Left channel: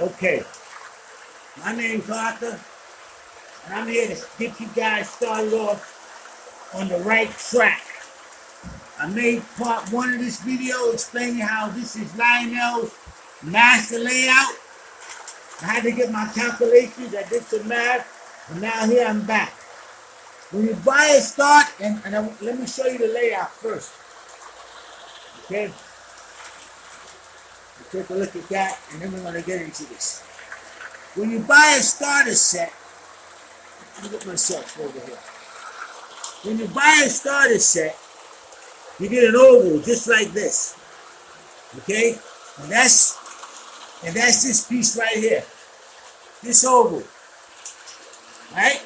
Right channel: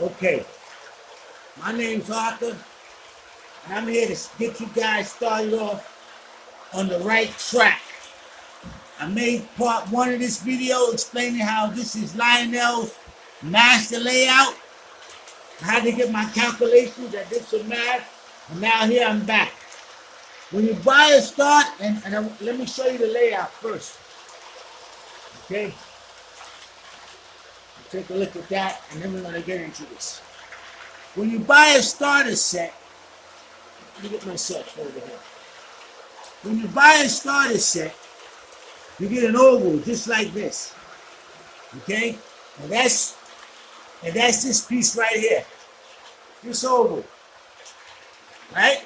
Okay, my name's Arthur, and I'm here to get you guys started off on the right track. I made part one of this video explaining how this is Lionel's master layout. I had to get my calculations, I did some math, and now here I'm back. When you buy a start, let me show you the layout first. Okay? Take a look at that, and then we're going to get into this. When you buy a starter set, let me get myself over here. When you buy a starter set, you get an oval just like this. Okay? And that's this piece right here. This oval. Right?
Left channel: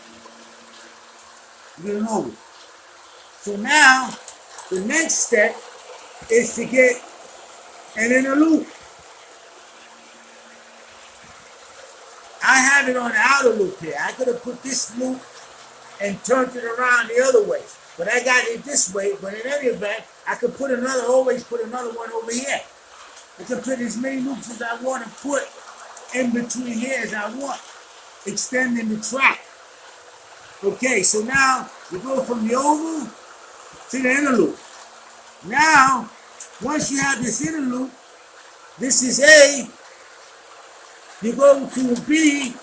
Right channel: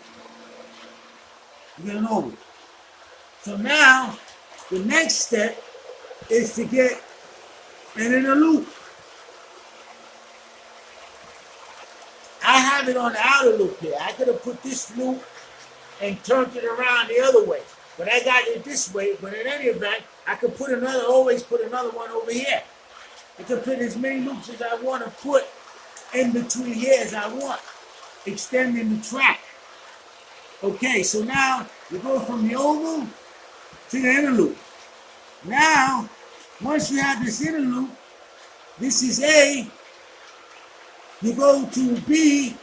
You get an oval. So now, the next step is to get an inner loop. I have it on the outer loop here. I could have put this loop and turned it around the other way. But I got it this way. But in any event, I could always put another one over here. I can put as many loops as I want to put in between here as I want, extending the track. Okay, so now you go from the oval to the inner loop. Now, once you have this inner loop, this is A, you go to B,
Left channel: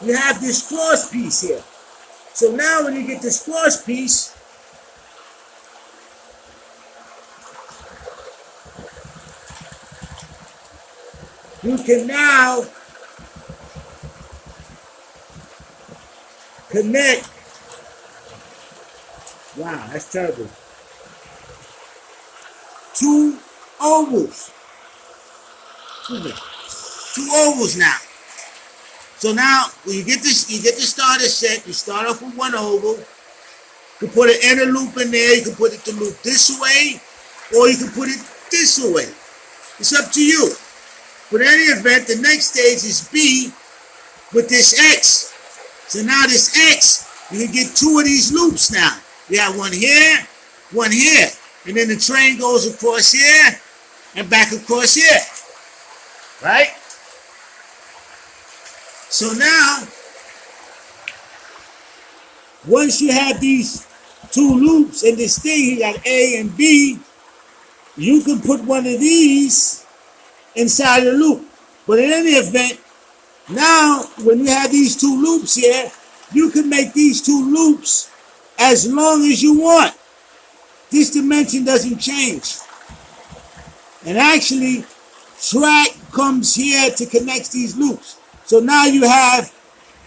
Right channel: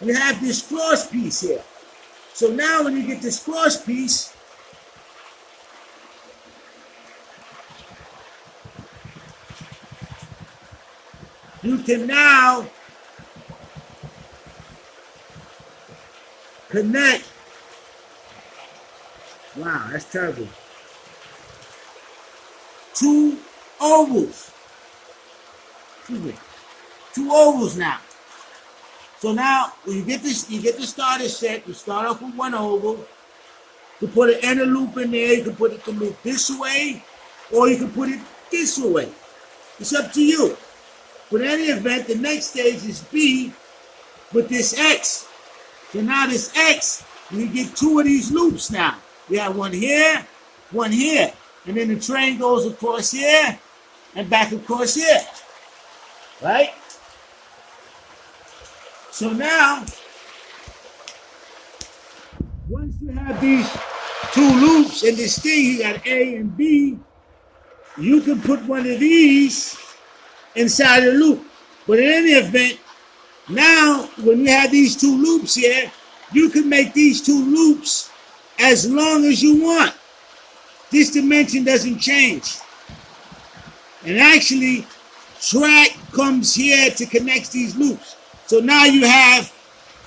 you have this cross piece here. So now when you get this cross piece, you can now connect. Wow, that's terrible. Two ovals. Two ovals now. So now when you get the starter set, you start off with one oval. You can put an inner loop in there, you can put it to loop this way, or you can put it this way. It's up to you. But in any event, the next stage is B with this X. So now this X, you can get two of these loops now. You have one here, and then the train goes across here and back across here. Right? So now, once you have these two loops in this thing, you got A and B, you can put one of these inside the loop. But in any event, now when you have these two loops here, you can make these two loops as long as you want. This dimension doesn't change. And actually, track comes here to connect these loops. So now you have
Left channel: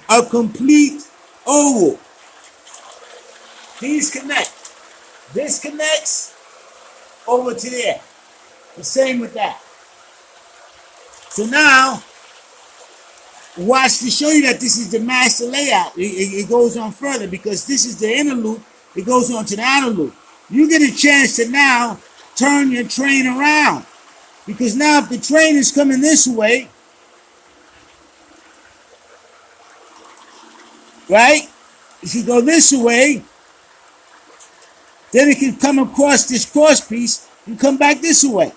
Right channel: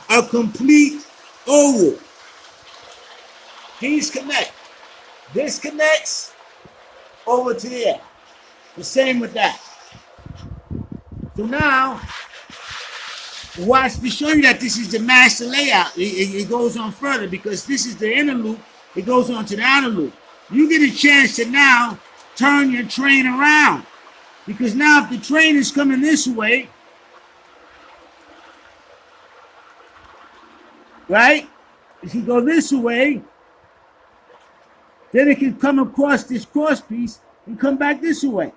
a complete oval. These connect. This connects over to there. The same with that. So now, watch to show you that this is the master layout. It goes on further because this is the inner loop. It goes on to the outer loop. You get a chance to now turn your train around. Because now if the train is coming this way, right? If you go this way, then it can come across this cross piece and come back this way.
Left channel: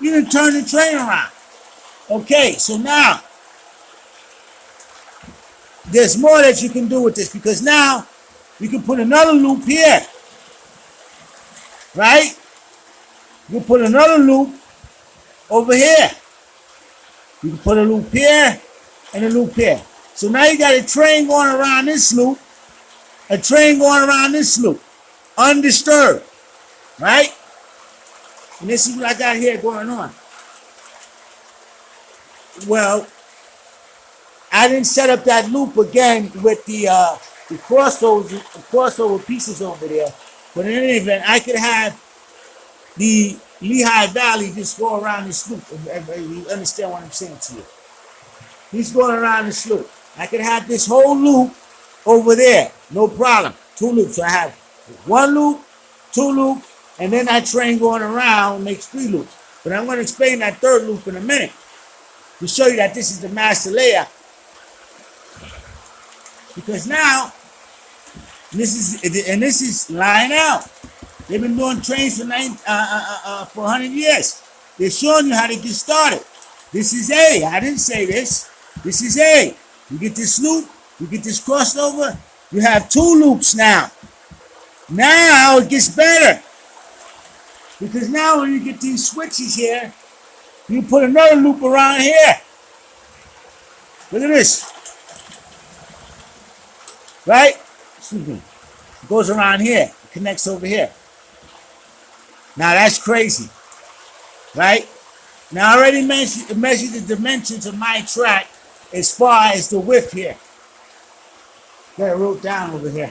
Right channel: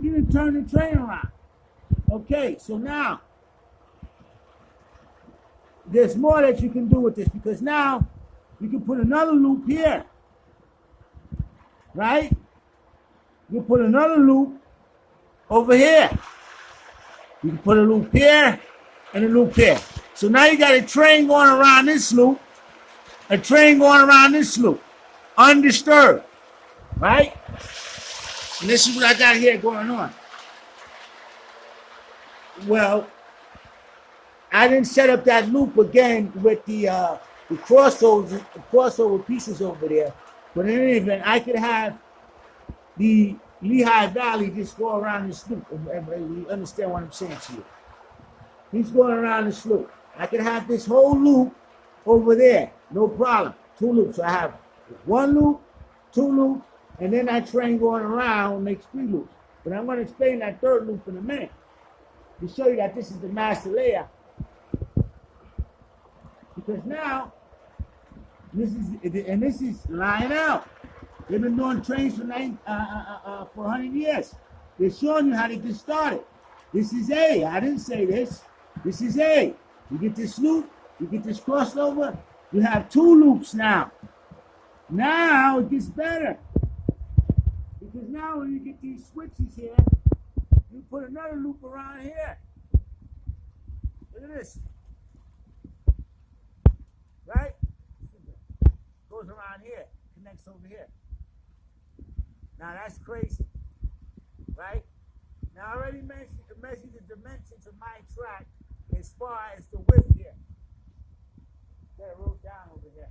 You can turn the train around. Okay, so now, there's more that you can do with this because now you can put another loop here. Right? You can put another loop over here. You can put a loop here and a loop here. So now you got a train going around this loop, a train going around this loop, undisturbed, right? And this is what I got here going on. Well, I didn't set up that loop again with the crossover pieces over there. But in any event, I could have the Lehigh Valley just go around this loop. You understand what I'm saying to you? He's going around this loop. I could have this whole loop over there. No problem. Two loops. So I have one loop, two loops, and then that train going around makes three loops. But I'm going to explain that third loop in a minute to show you that this is the master layout. Because now, this is Lionel. They've been doing trains for 100 years. They're showing you how to get started. This is A. I didn't say this. This is A. You get this loop, you get this crossover, you have 2 loops now. Now it gets better. Because now when you get these switches here, you put another loop around here. Look at this. Right? Excuse me. It goes around here. It connects over here. Now that's crazy. Right? Now I already measured the dimensions of my track as far as the width here. Got it wrote down over here.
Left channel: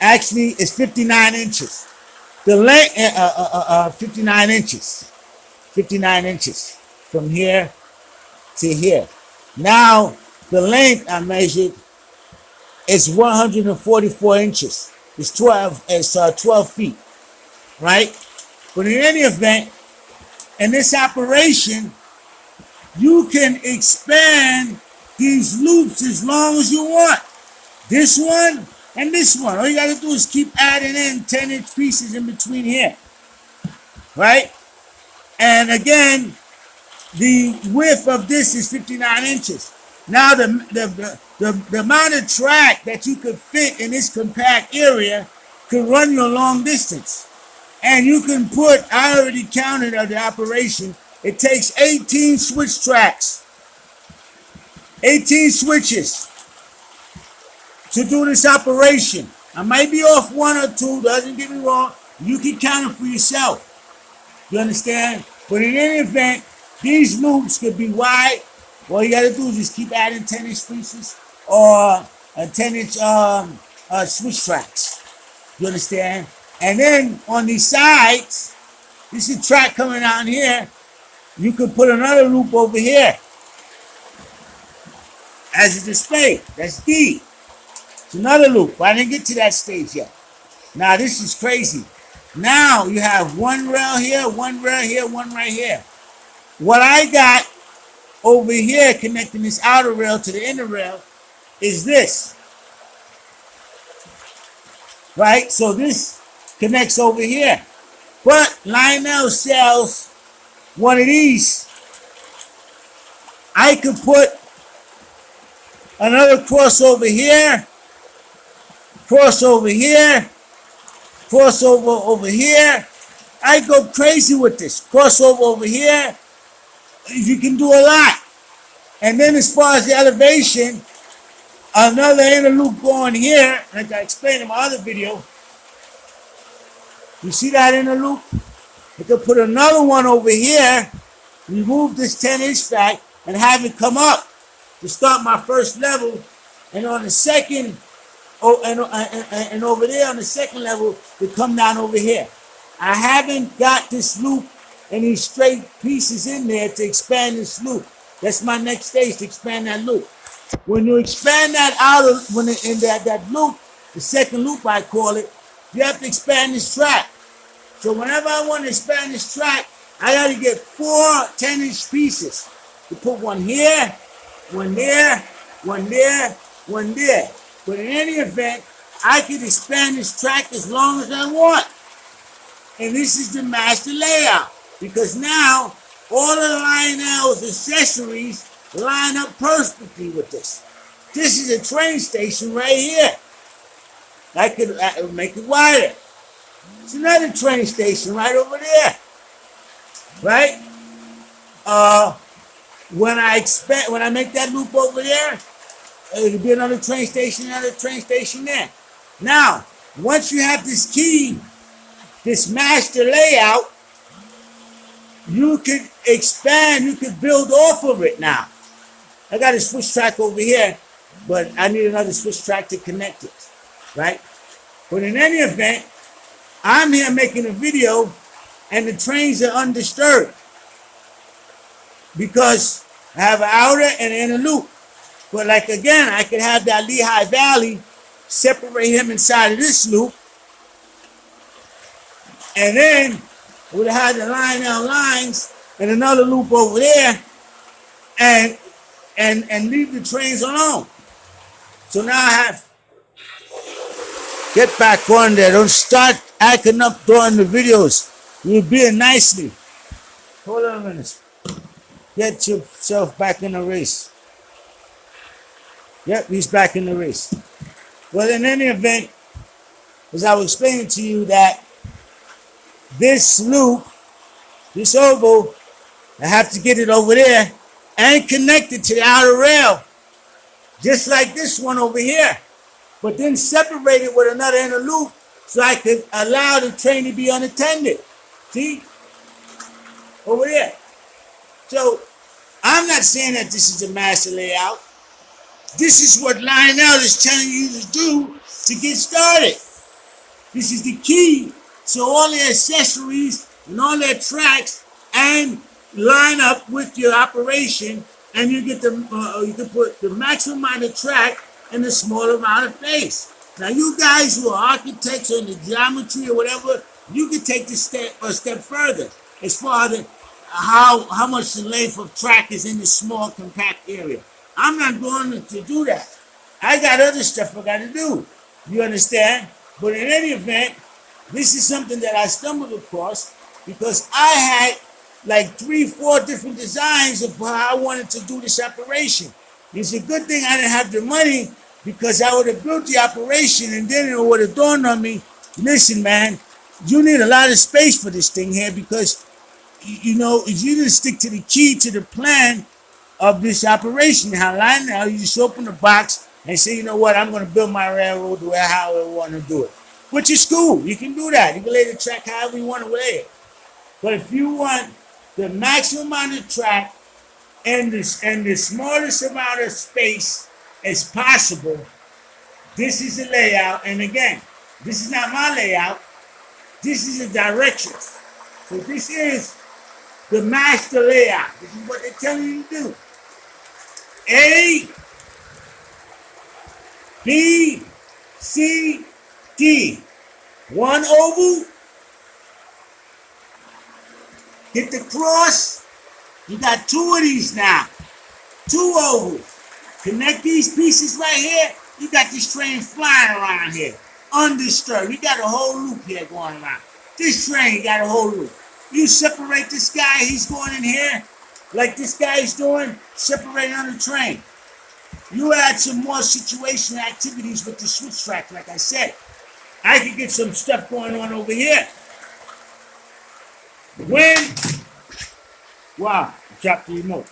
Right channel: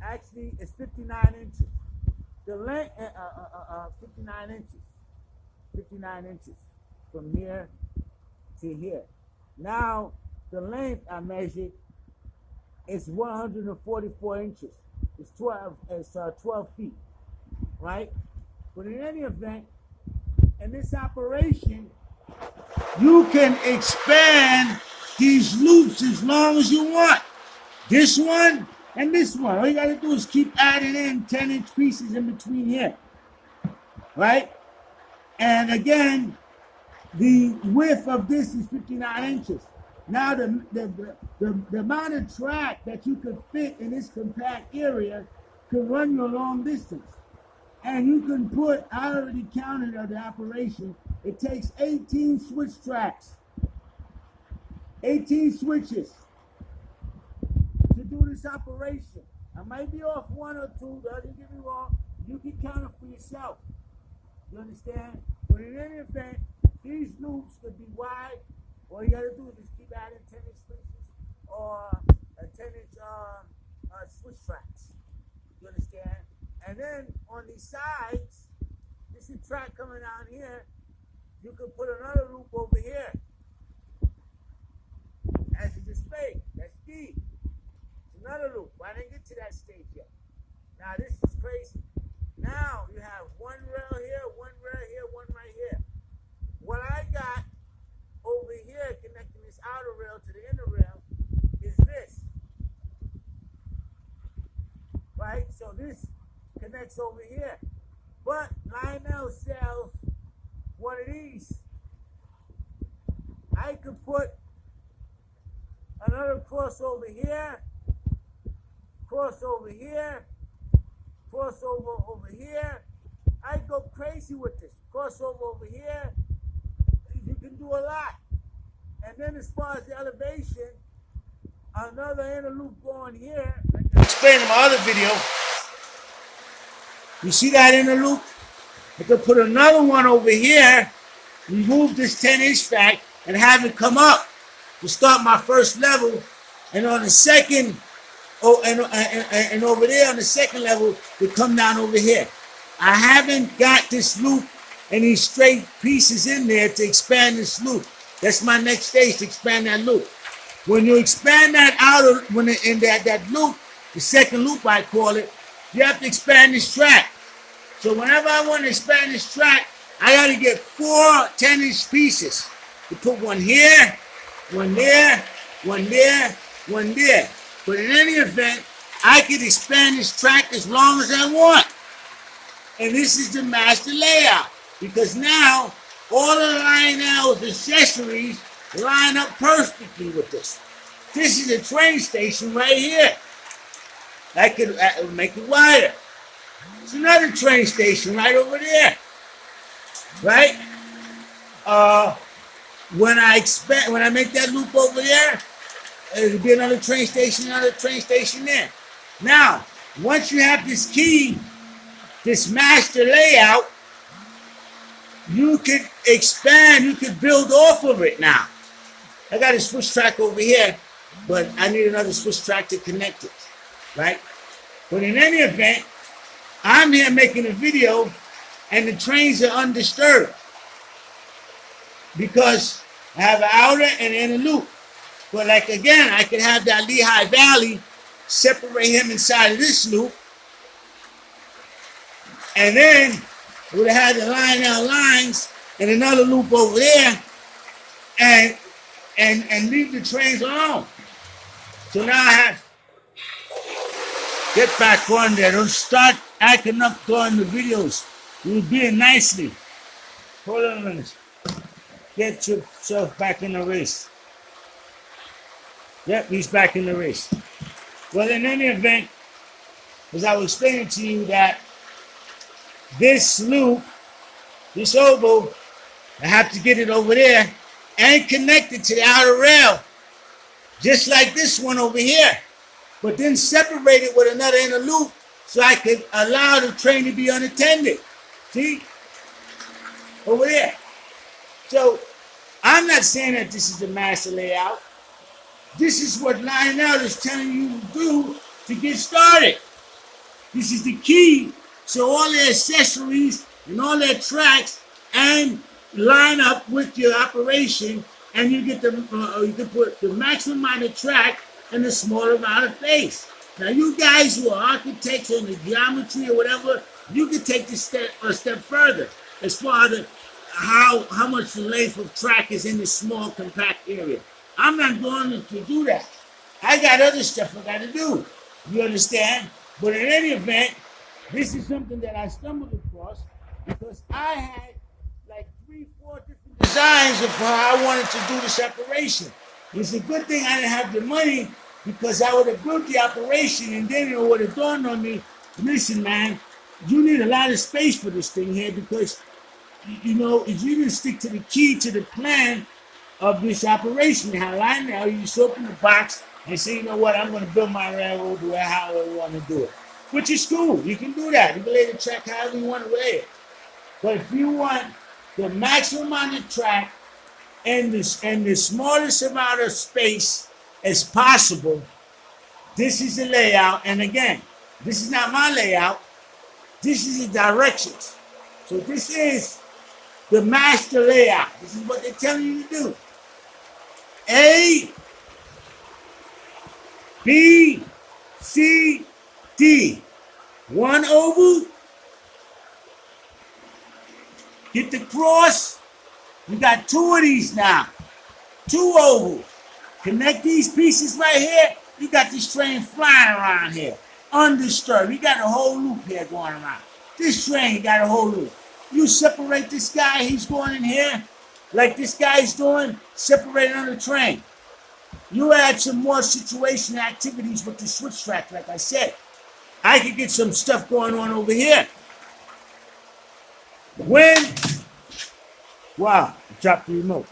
Actually, it's 59 inches. The length, 59 inches. 59 inches from here to here. Now, the length I measured is 144 inches. It's 12 feet, right? But in any event, in this operation, you can expand these loops as long as you want. This one and this one. All you got to do is keep adding in 10-inch pieces in between here, right? And again, the width of this is 59 inches. Now the amount of track that you could fit in this compact area could run you a long distance. And you can put, I already counted the operation, it takes 18 switch tracks. 18 switches to do this operation. I might be off 1 or 2, doesn't get me wrong. You can count it for yourself. You understand? But in any event, these loops could be wide. All you gotta do is just keep adding 10-inch pieces or 10-inch switch tracks. You understand? And then on these sides, this is a track coming out here. You could put another loop over here as a display. That's D. It's another loop. I didn't get to that stage yet. Now this is crazy. Now you have 1 rail here, 1 rail here, 1 right here. What I got over here connecting this outer rail to the inner rail is this. Right? So this connects over here. But Lionel sells one of these. I could put another crossover here, crossover here, crossover over here. I go crazy with this. Crossover over here. You can do a lot. And then as far as the elevation, another inner loop going here, like I explained in my other video. You see that inner loop? I could put another one over here, remove this 10-inch stack, and have it come up to start my first level. And on the second, and over there on the second level, to come down over here. I haven't got this loop and these straight pieces in there to expand this loop. That's my next stage, to expand that loop. When you expand that outer, in that loop, the second loop I call it, you have to expand this track. So whenever I want to expand this track, I got to get 4 10-inch pieces. You put one here, one there, one there, one there. But in any event, I can expand this track as long as I want. And this is the master layout. Because now, all of the Lionel's accessories line up perfectly with this. This is a train station right here. I could make it wider. It's another train station right over there. Right? When I make that loop over there, it'll be another train station there. Now, once you have this key, this master layout, you could expand, you could build off of it now. I got a switch track over here, but I need another switch track to connect it, right? But in any event, I'm here making a video and the trains are undisturbed because I have an outer and inner loop. But like again, I could have that Lehigh Valley, separate him inside of this loop, and then would have had the Lionel lines and another loop over there, and leave the trains alone. So now I have get back on there. Don't start acting up during the videos. You're being nicely. Hold on a minute. Get yourself back in the race. Yep, he's back in the race. Well, in any event, as I was explaining to you that this loop, this oval, I have to get it over there and connect it to the outer rail, just like this one over here, but then separate it with another inner loop so I could allow the train to be unattended. See? Over there. So I'm not saying that this is a master layout. This is what Lionel is telling you to do to get started. This is the key. So all the accessories and all their tracks and line up with your operation, and you get you can put the maximum amount of track and the small amount of face. Now you guys who are architects or in the geometry or whatever, you can take this a step further as far as how much the length of track is in this small compact area. I'm not going to do that. I got other stuff I got to do. You understand? But in any event, this is something that I stumbled across because I had like 3-4 different designs of how I wanted to do this operation. It's a good thing I didn't have the money because I would have built the operation and then it would have dawned on me, listen, man, you need a lot of space for this thing here because, you know, if you didn't stick to the key to the plan of this operation, now you just open the box and say, you know what, I'm going to build my railroad the way how I want to do it. Which is cool. You can do that. You can lay the track however you want to lay it. But if you want the maximum amount of track and the smallest amount of space as possible, this is the layout. And again, this is not my layout. This is the directions. So this is the master layout. This is what they're telling you to do. A, B, C, D. One oval. Hit the cross. You got 2 of these now. 2 ovals. Connect these pieces right here. You got this train flying around here. Undisturbed. You got a whole loop here going around. This train got a whole loop. You separate this guy, he's going in here, like this guy's doing, separate on the train. You add some more situation activities with the switch track, like I said. I could get some stuff going on over here. Wow, drop the remote.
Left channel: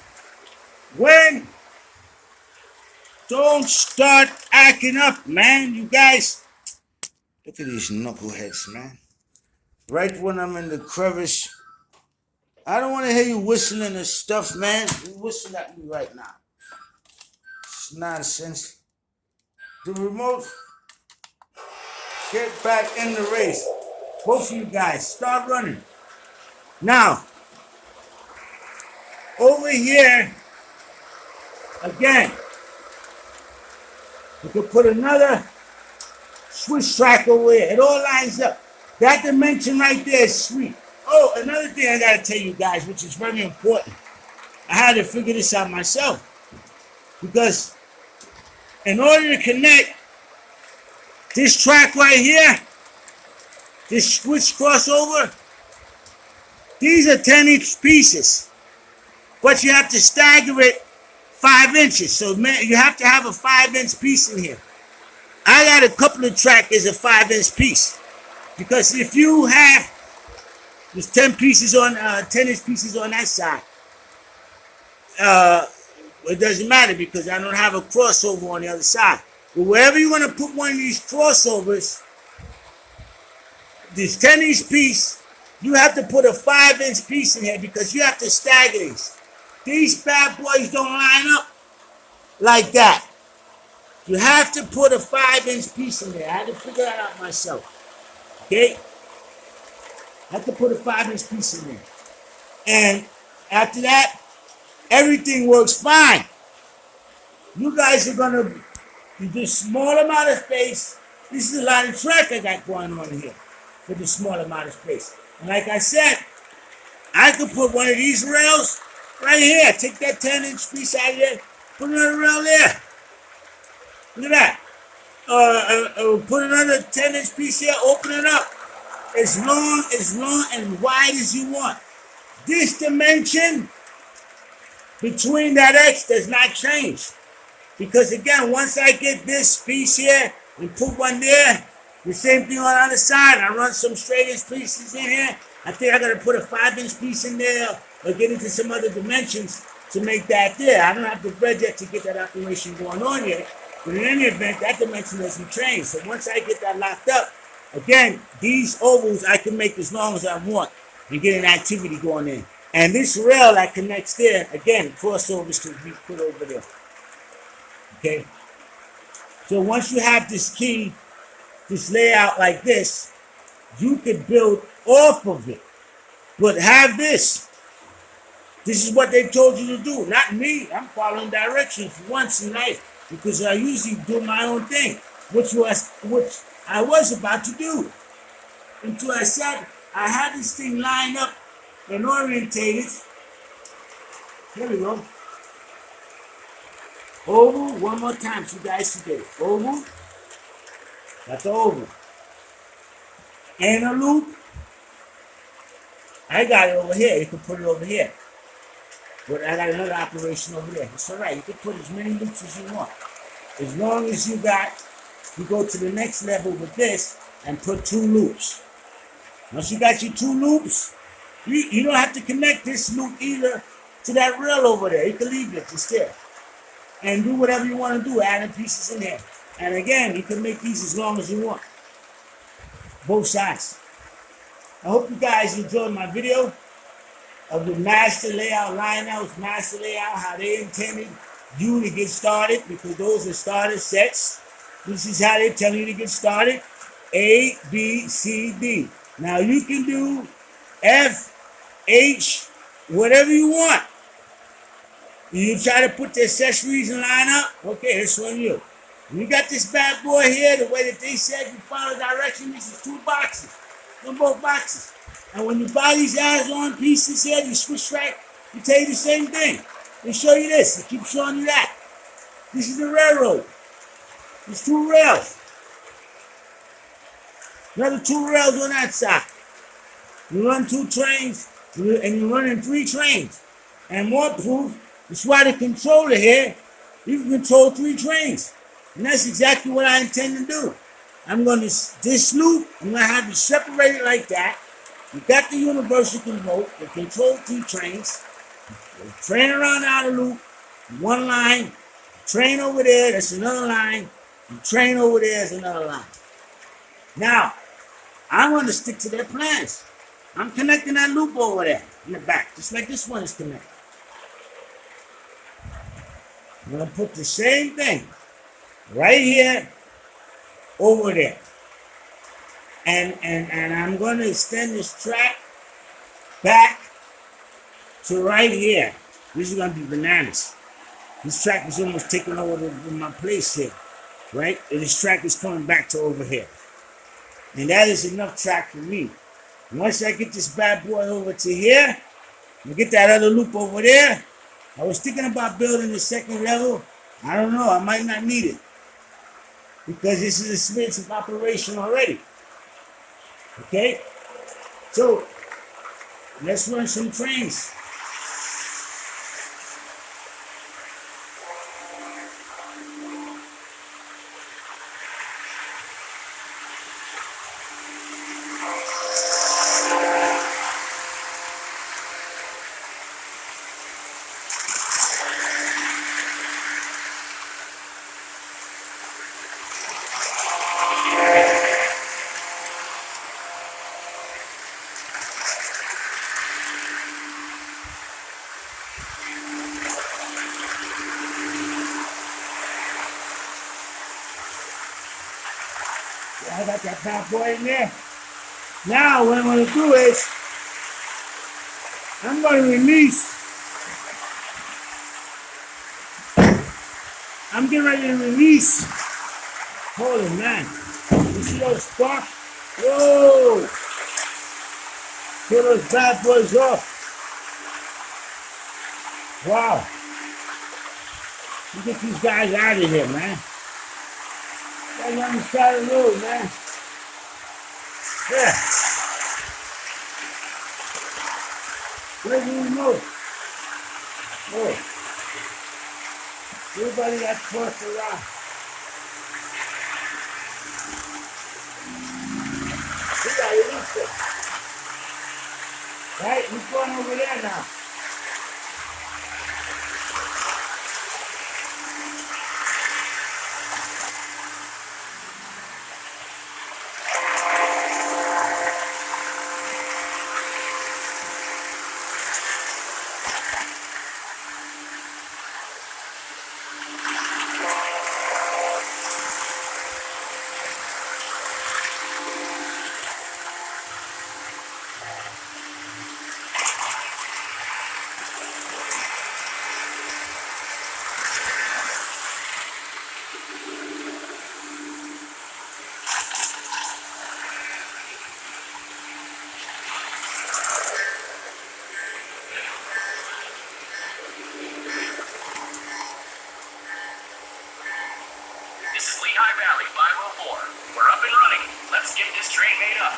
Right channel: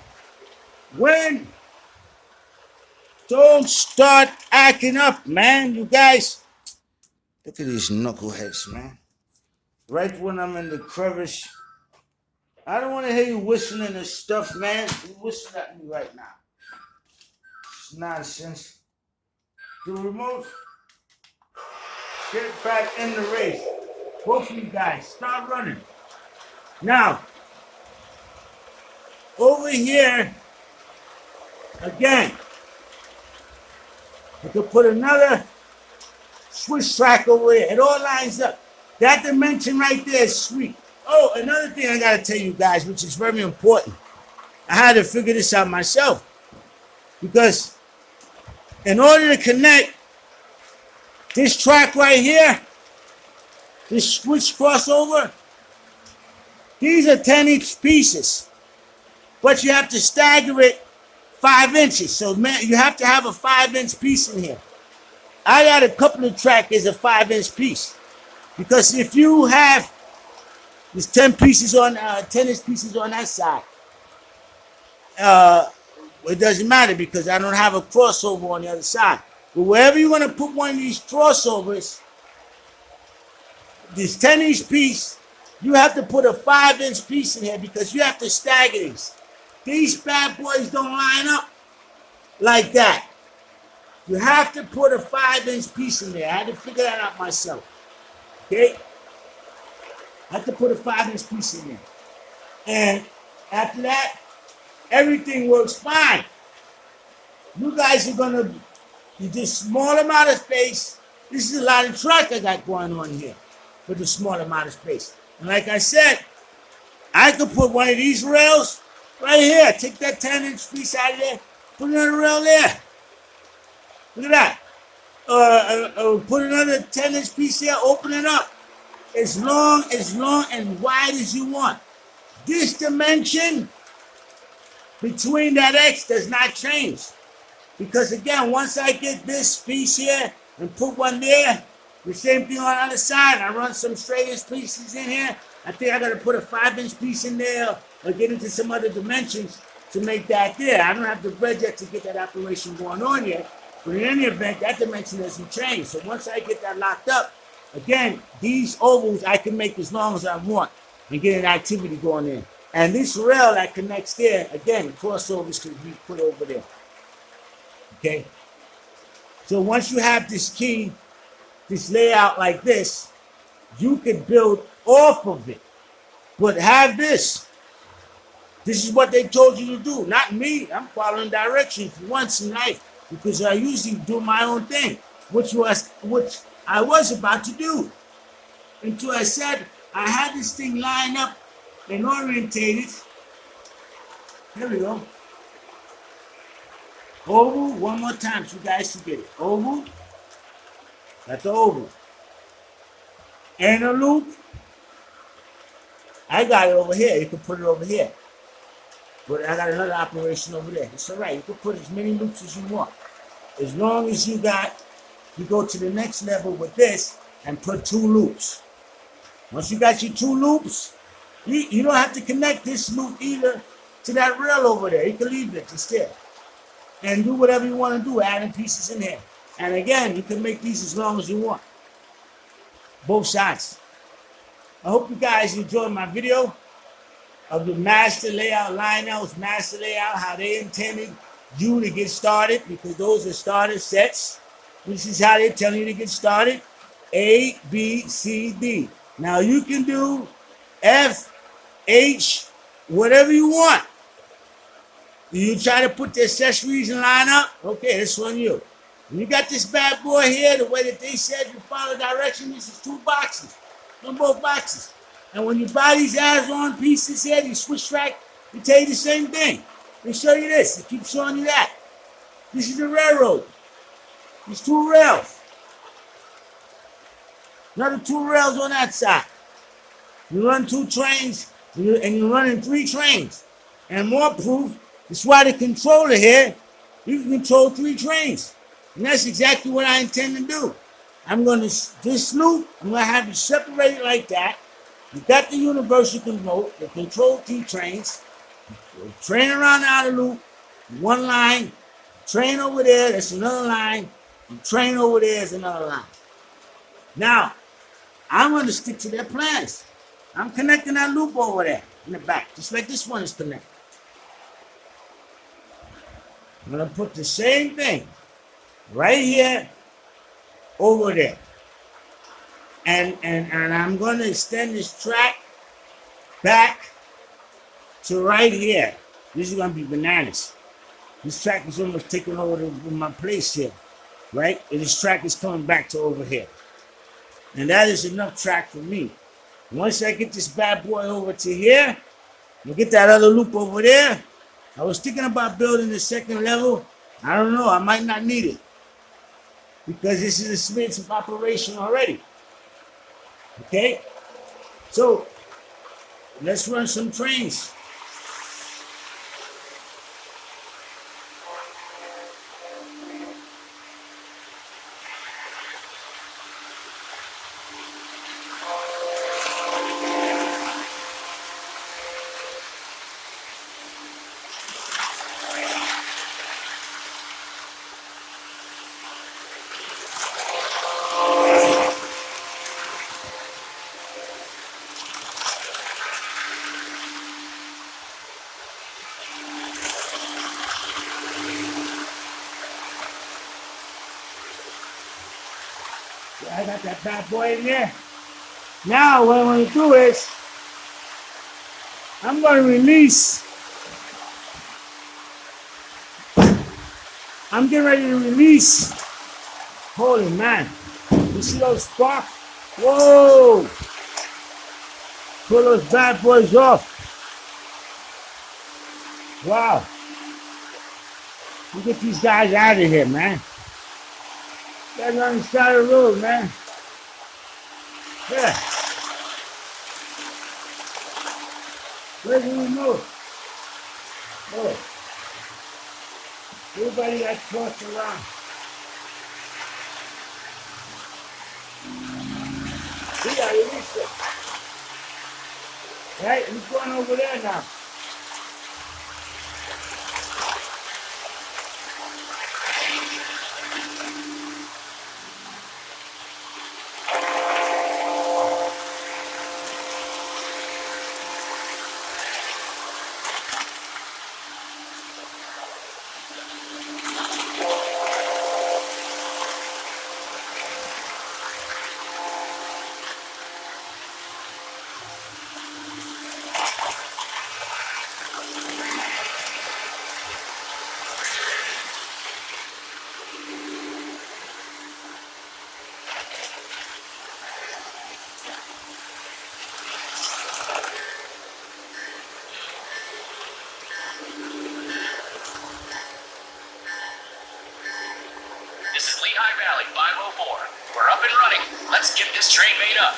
Don't start acting up, man. You guys, look at these knuckleheads, man. Right when I'm in the crevice, I don't want to hear you whistling and stuff, man. You whistle at me right now. It's nonsense. The remote, get back in the race. Both of you guys, start running. Now, over here, again, you can put another switch track over here. It all lines up. That dimension right there is sweet. Oh, another thing I gotta tell you guys, which is very important. I had to figure this out myself. Because in order to connect this track right here, this switch crossover, these are 10-inch pieces. But you have to stagger it 5 inches. So man, you have to have a 5-inch piece in here. I got a couple of tracks as a 5-inch piece. Because if you have there's 10 pieces on 10-inch pieces on that side, it doesn't matter because I don't have a crossover on the other side. But wherever you want to put one of these crossovers, this 10-inch piece, you have to put a 5-inch piece in here because you have to stagger these. These bad boys don't line up like that. You have to put a 5-inch piece in there. I had to figure that out myself. Okay? I have to put a 5-inch piece in there. And after that, everything works fine. You guys are going to do this small amount of space. This is a lot of track I got going on here for the small amount of space. And like I said, I could put one of these rails right here. Take that 10-inch piece out of there. Put another rail there. Look at that. Put another 10-inch piece here. Open it up. As long and wide as you want. This dimension between that X does not change. Because again, once I get this piece here and put one there, the same thing on the other side, I run some straight-inch pieces in here. I think I gotta put a 5-inch piece in there or get into some other dimensions to make that there. I don't have the bread yet to get that operation going on yet. But in any event, that dimension doesn't change. So once I get that locked up, again, these ovals I can make as long as I want and get an activity going in. And this rail that connects there, again, crossovers can be put over there. Okay? So once you have this key, this layout like this, you can build off of it. But have this. This is what they told you to do, not me. I'm following directions for once in life because I usually do my own thing, which I was about to do. Until I said I had this thing lined up and orientated. Here we go. Oval, one more time so you guys can get it. Oval. That's the oval. And a loop. I got it over here. You can put it over here. But I got another operation over there. It's all right. You can put as many loops as you want. As long as you go to the next level with this and put 2 loops. Once you got your 2 loops, you don't have to connect this loop either to that rail over there. You can leave it just there. And do whatever you want to do, adding pieces in here. And again, you can make these as long as you want. Both sides. I hope you guys enjoyed my video of the master layout, Lionel's master layout, how they intended you to get started, because those are starter sets. This is how they're telling you to get started. A, B, C, D. Now you can do F, H, whatever you want. You try to put the accessories in line up, okay, that's on you. When you got this bad boy here, the way that they said you follow direction, this is 2 boxes. On both boxes. And when you buy these add-on pieces here, you switch track, they tell you the same thing. They show you this, they keep showing you that. This is the railroad. There's 2 rails. Another 2 rails on that side. You run 2 trains, and you're running 3 trains. And more proof, that's why the controller here, you can control 3 trains. And that's exactly what I intend to do. I'm going to, this loop, I'm going to have it separated like that. You got the universal remote that control 3 trains. Train around the outer loop, 1 line. Train over there, that's another line. Train over there is another line. Now, I'm going to stick to their plans. I'm connecting that loop over there in the back, just like this one is connected. I'm going to put the same thing right here over there. And I'm going to extend this track back to right here. This is going to be bananas. This track is almost taking over my place here, right? And this track is coming back to over here. And that is enough track for me. Once I get this bad boy over to here, and get that other loop over there, I was thinking about building the 2nd level. I don't know, I might not need it. Because this is a expensive operation already. Okay? So, let's run some trains. I got that bad boy in there. Now what I'm going to do is, I'm going to release. I'm getting ready to release. Holy man. You see those sparks? Whoa. Pull those bad boys off. Wow. You get these guys out of here, man. That's on the side of the road, man. Yeah. Where's the remote? Look, everybody got tossed around. See, I released it. Right? He's going over there now. This is Lehigh Valley 504. We're up and running. Let's get this train made up.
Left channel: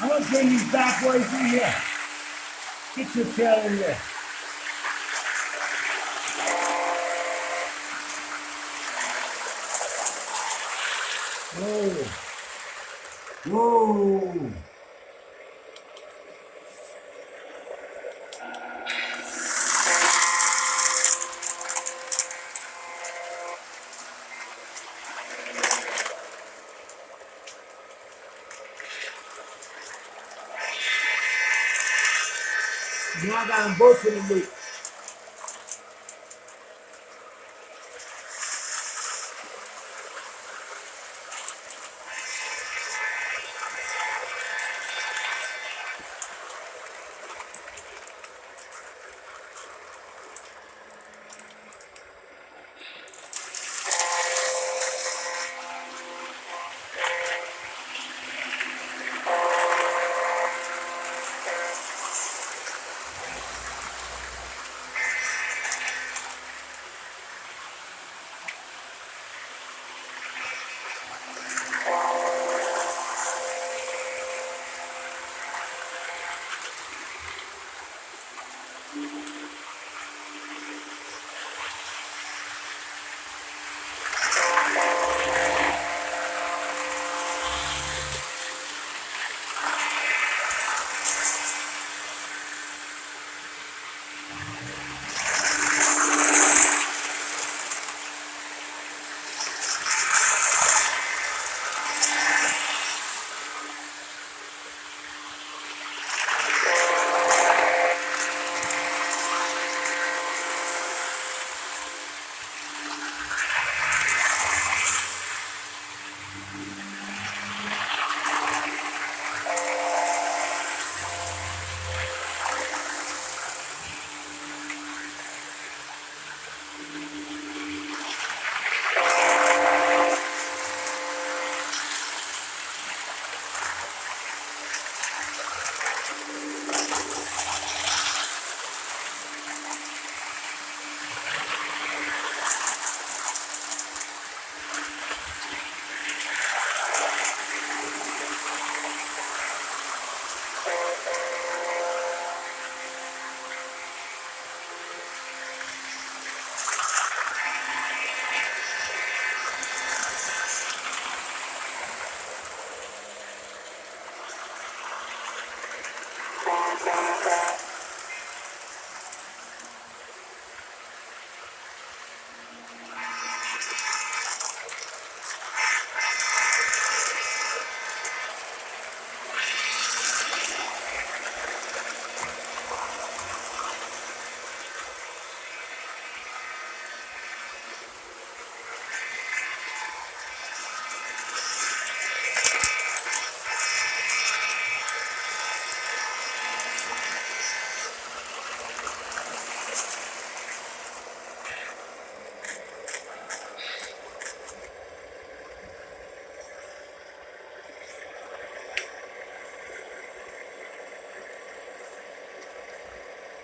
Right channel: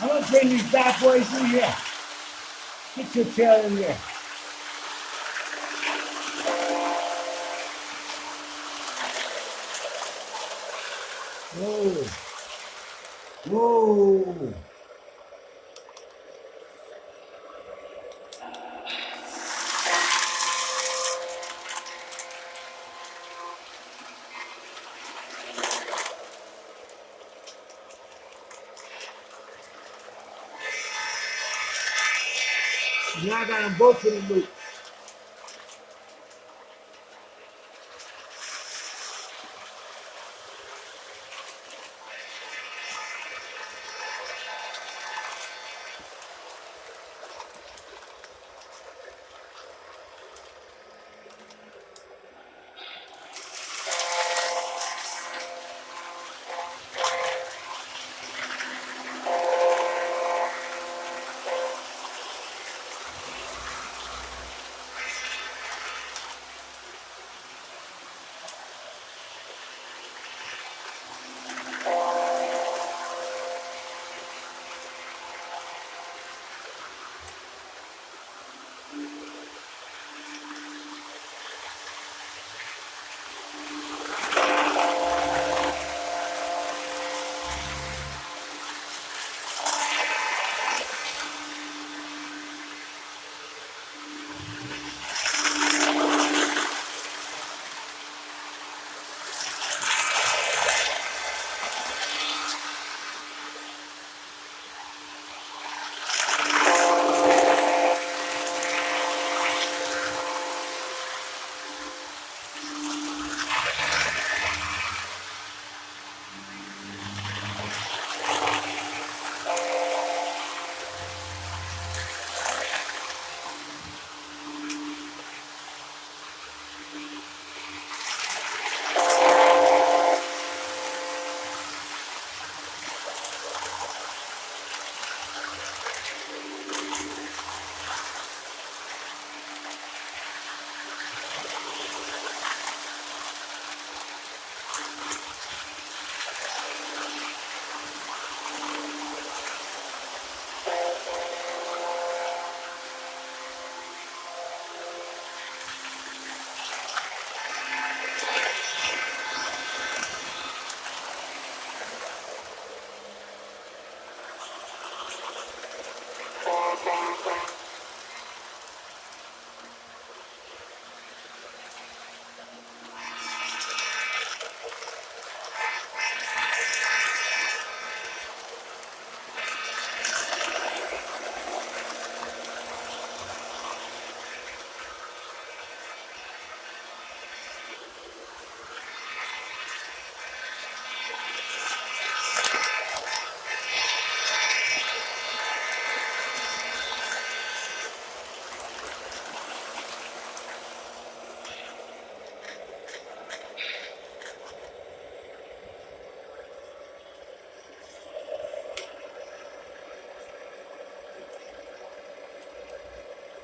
I'm gonna bring these bad boys in here. Get your tail in there. Whoa. Whoa. Now I got them both in the loop.